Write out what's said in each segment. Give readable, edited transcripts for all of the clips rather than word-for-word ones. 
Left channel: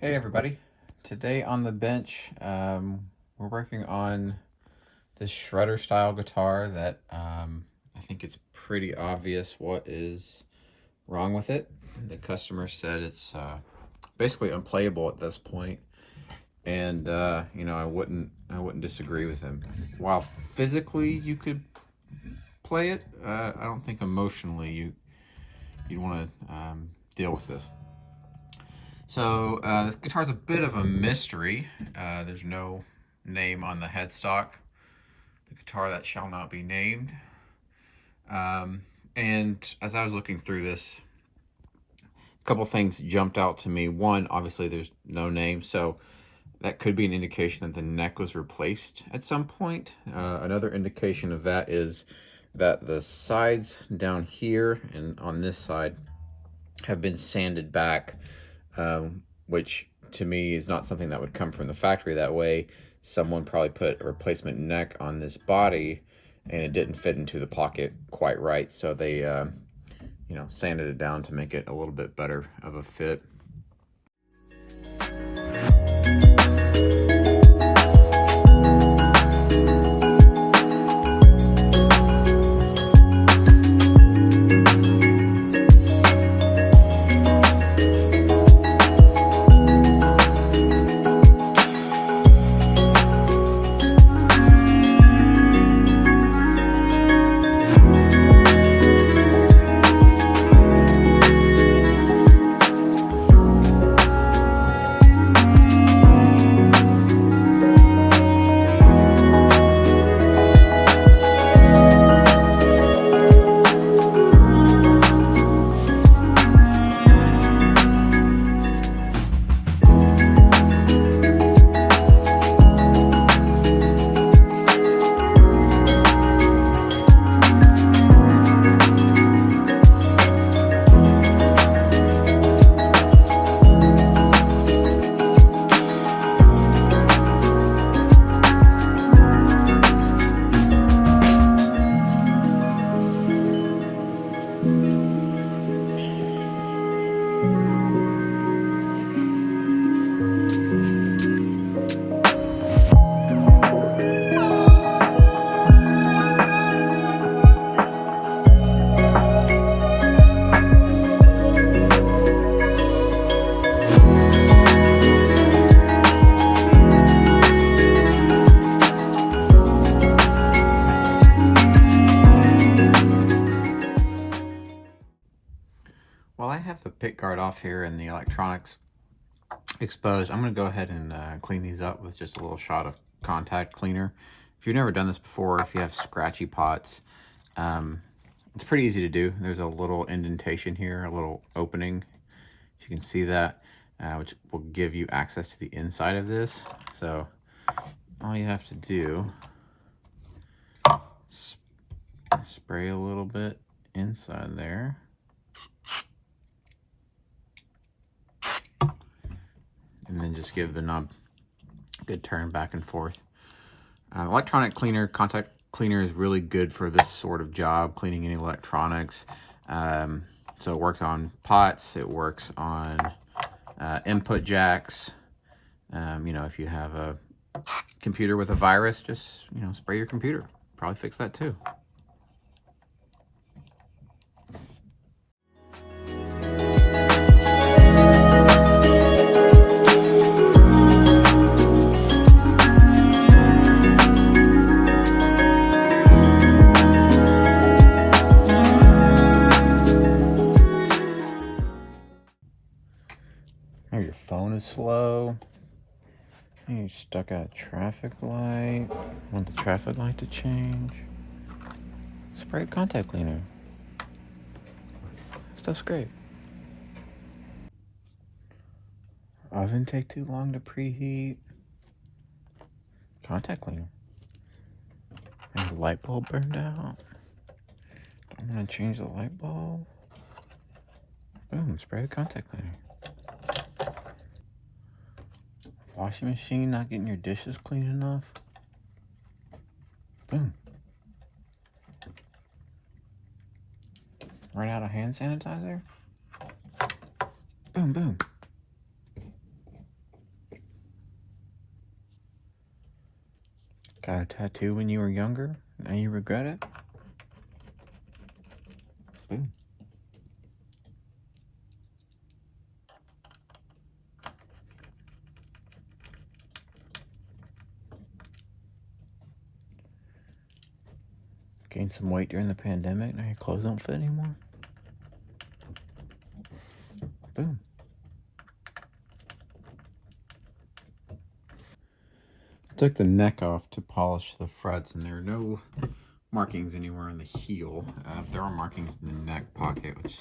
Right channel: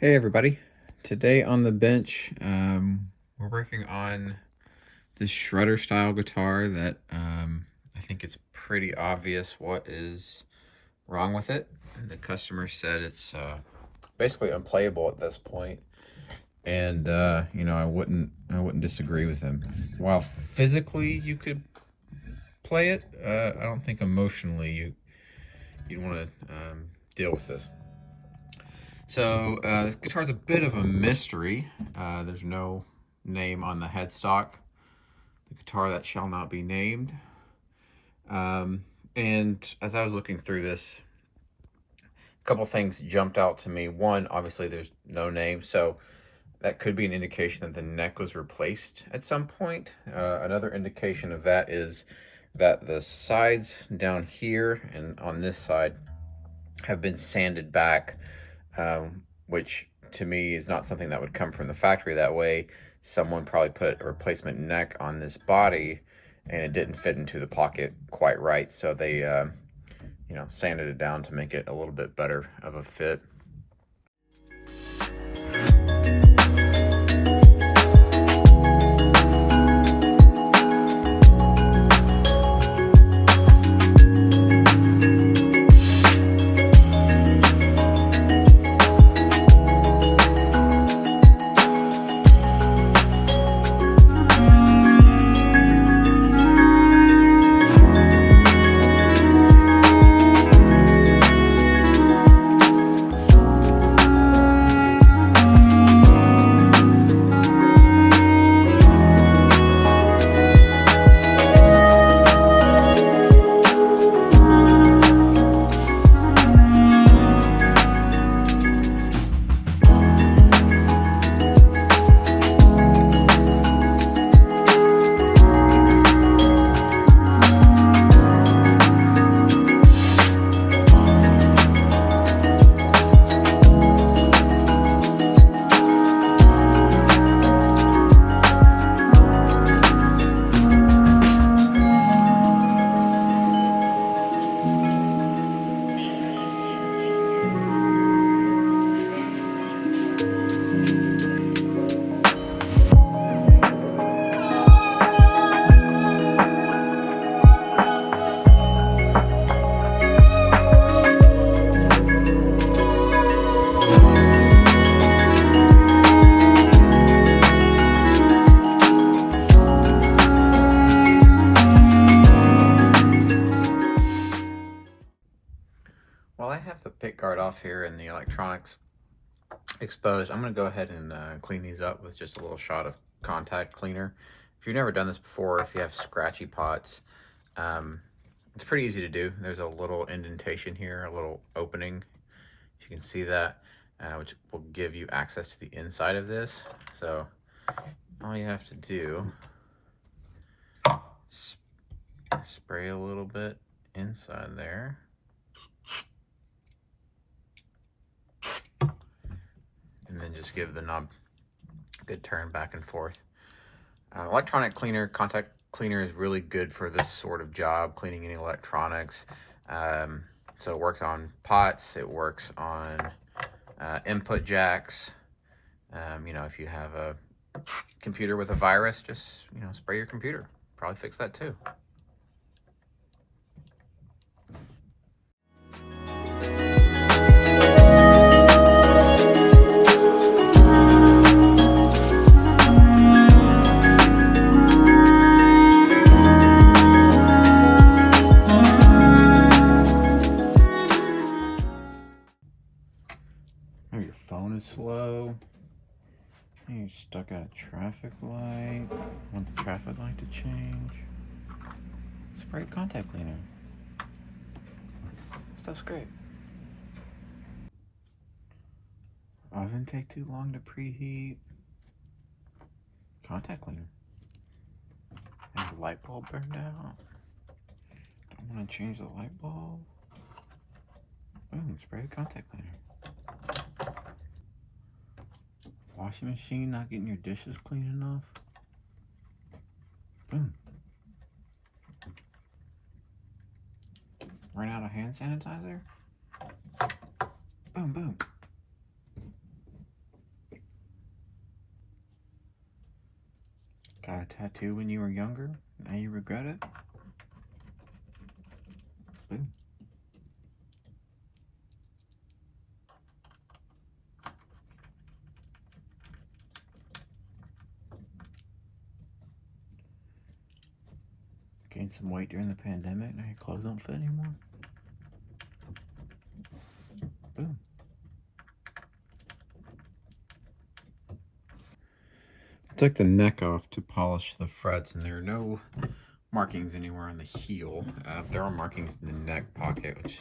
Hey everybody, today on the bench we're working on this shredder style guitar that I think it's pretty obvious what is wrong with it. The customer said it's basically unplayable at this point, and you know, I wouldn't disagree with him. While physically you could play it, I don't think emotionally you'd want to deal with this. So this guitar is a bit of a mystery. There's no name on the headstock. The guitar that shall not be named. And as I was looking through this, a couple things jumped out to me. One, obviously there's no name, so that could be an indication that the neck was replaced at some point. Another indication of that is that the sides down here and on this side have been sanded back, which to me is not something that would come from the factory. That way, someone probably put a replacement neck on this body and it didn't fit into the pocket quite right. So they, you know, sanded it down to make it a little bit better of a fit. Well, I have the pick guard off here and the electronics exposed. I'm going to go ahead and clean these up with just a little shot of contact cleaner. If you've never done this before, if you have scratchy pots, it's pretty easy to do. There's a little indentation here, a little opening. You can see that, which will give you access to the inside of this. So all you have to do is spray a little bit inside there. And then just give the knob a good turn back and forth. Electronic cleaner, contact cleaner is really good for this sort of job, cleaning any electronics. So it works on pots, it works on input jacks. You know, if you have a computer with a virus, just, you know, spray your computer. Probably fix that too. Or your phone is slow. You're stuck at a traffic light. Want the traffic light to change? Spray contact cleaner. Stuff's great. Oven take too long to preheat. Contact cleaner. And the light bulb burned out. Don't want to change the light bulb. Boom, spray the contact cleaner. Washing machine not getting your dishes clean enough. Boom. Run out of hand sanitizer. Boom, boom. Got a tattoo when you were younger? Now you regret it? Ooh. Gained some weight during the pandemic. Now your clothes don't fit anymore? Boom. I took the neck off to polish the frets, and there are no markings anywhere on the heel. There are markings in the neck pocket, which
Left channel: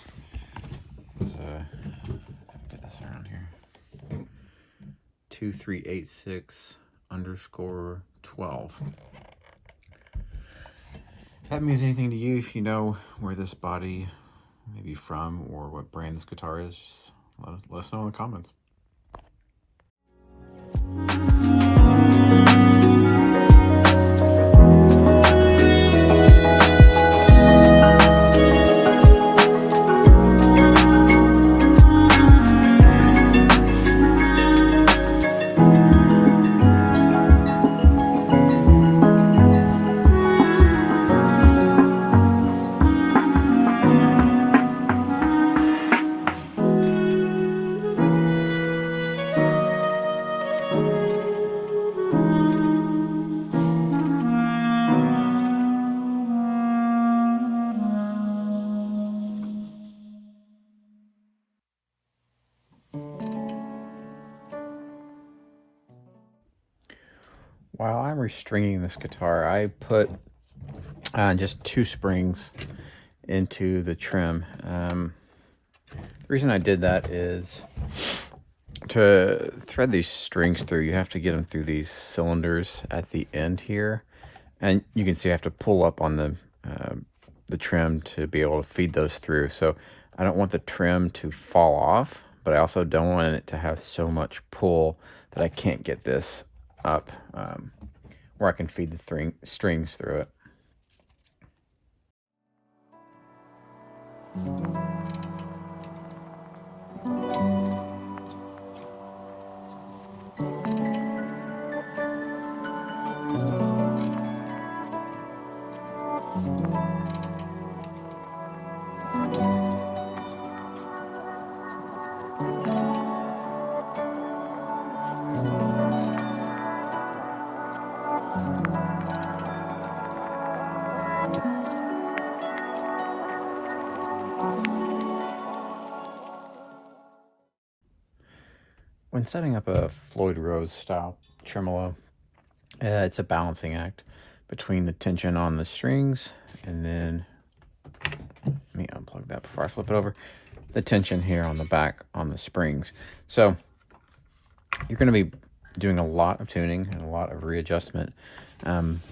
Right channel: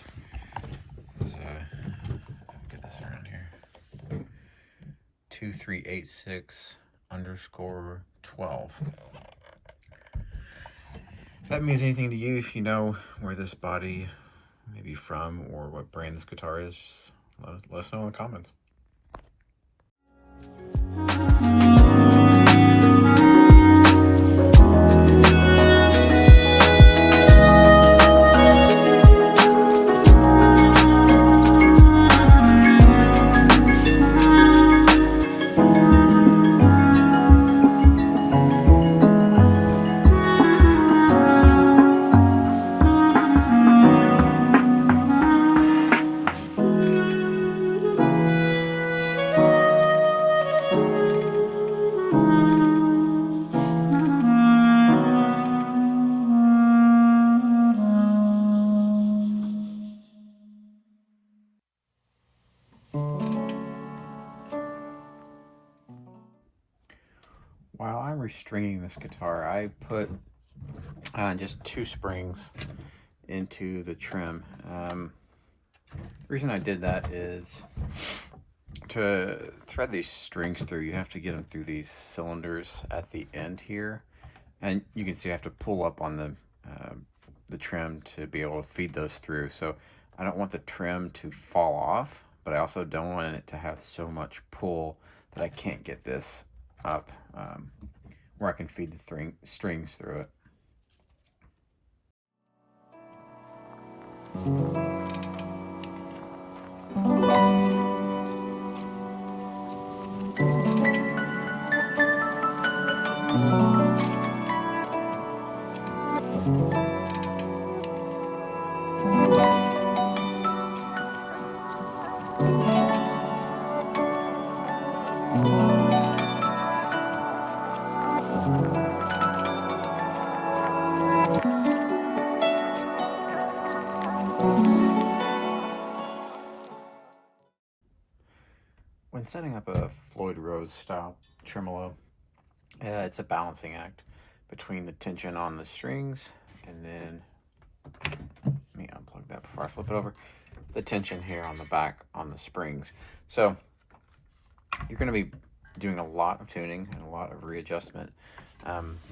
is, get this around here, 2386_12. If that means anything to you, if you know where this body may be from or what brand this guitar is, let us know in the comments. While I'm restringing this guitar, I put just 2 springs into the trim. The reason I did that is to thread these strings through, you have to get them through these cylinders at the end here. And you can see I have to pull up on the trim to be able to feed those through. So I don't want the trim to fall off, but I also don't want it to have so much pull that I can't get this up where I can feed the strings through it. When setting up a Floyd Rose style tremolo, it's a balancing act between the tension on the strings and then, let me unplug that before I flip it over, the tension here on the back on the springs. So you're going to be doing a lot of tuning and a lot of readjustment,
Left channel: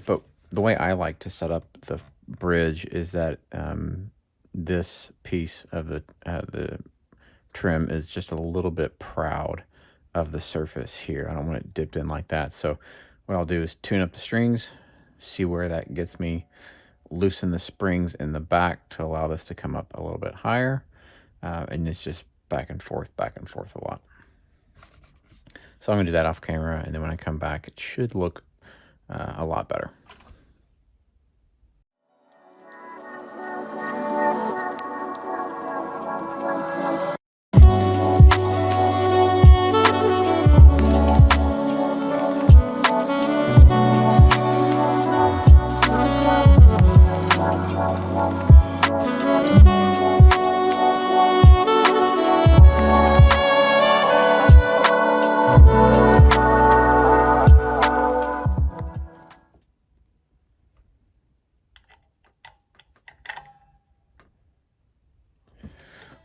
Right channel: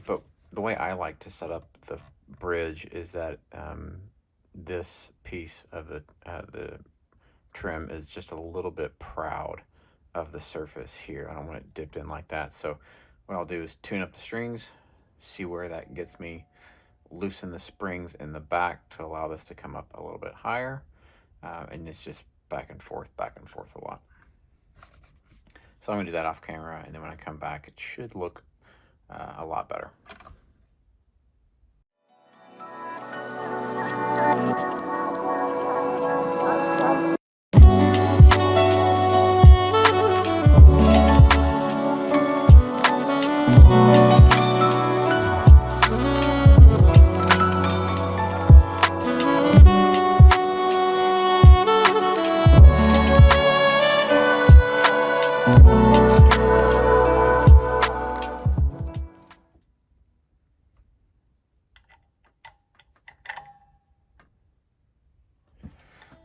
but the way I like to set up the bridge is that this piece of the trim is just a little bit proud of the surface here. I don't want it dipped in like that. So what I'll do is tune up the strings, see where that gets me, loosen the springs in the back to allow this to come up a little bit higher, and it's just back and forth a lot. So I'm gonna do that off camera, and then when I come back, it should look a lot better.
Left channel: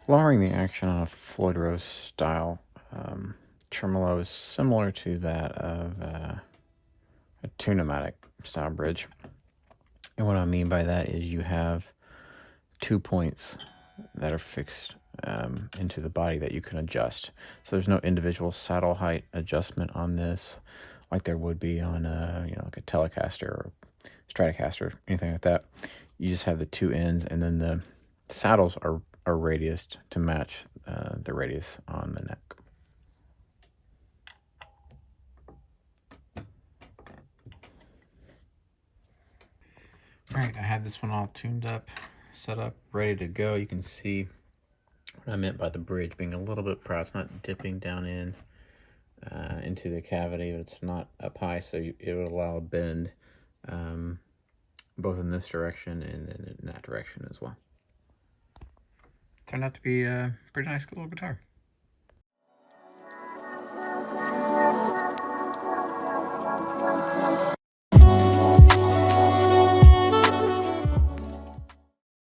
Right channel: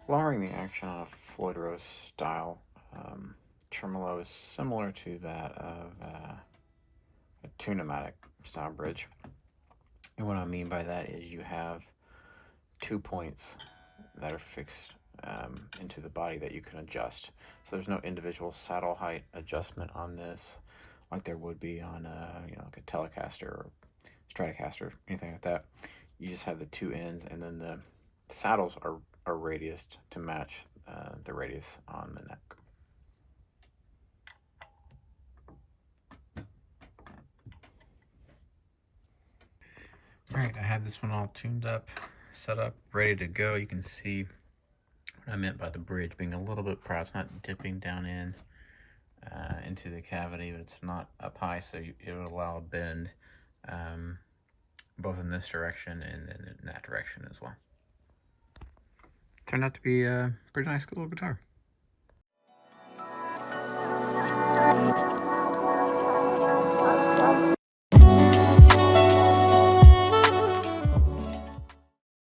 Lowering the action on a Floyd Rose style tremolo is similar to that of a Tune-o-matic style bridge. And what I mean by that is you have 2 points that are fixed into the body that you can adjust. So there's no individual saddle height adjustment on this like there would be on like a Telecaster or Stratocaster, anything like that. You just have the 2 ends, and then the saddles are radiused to match the radius on the neck. All right, I had this one all tuned up, set up, ready to go. You can see what I meant by the bridge being a little bit proud. It's not dipping down into the cavity, but it's not up high, so it would allow a bend both in this direction and then in that direction as well. Turned out to be a pretty nice little guitar.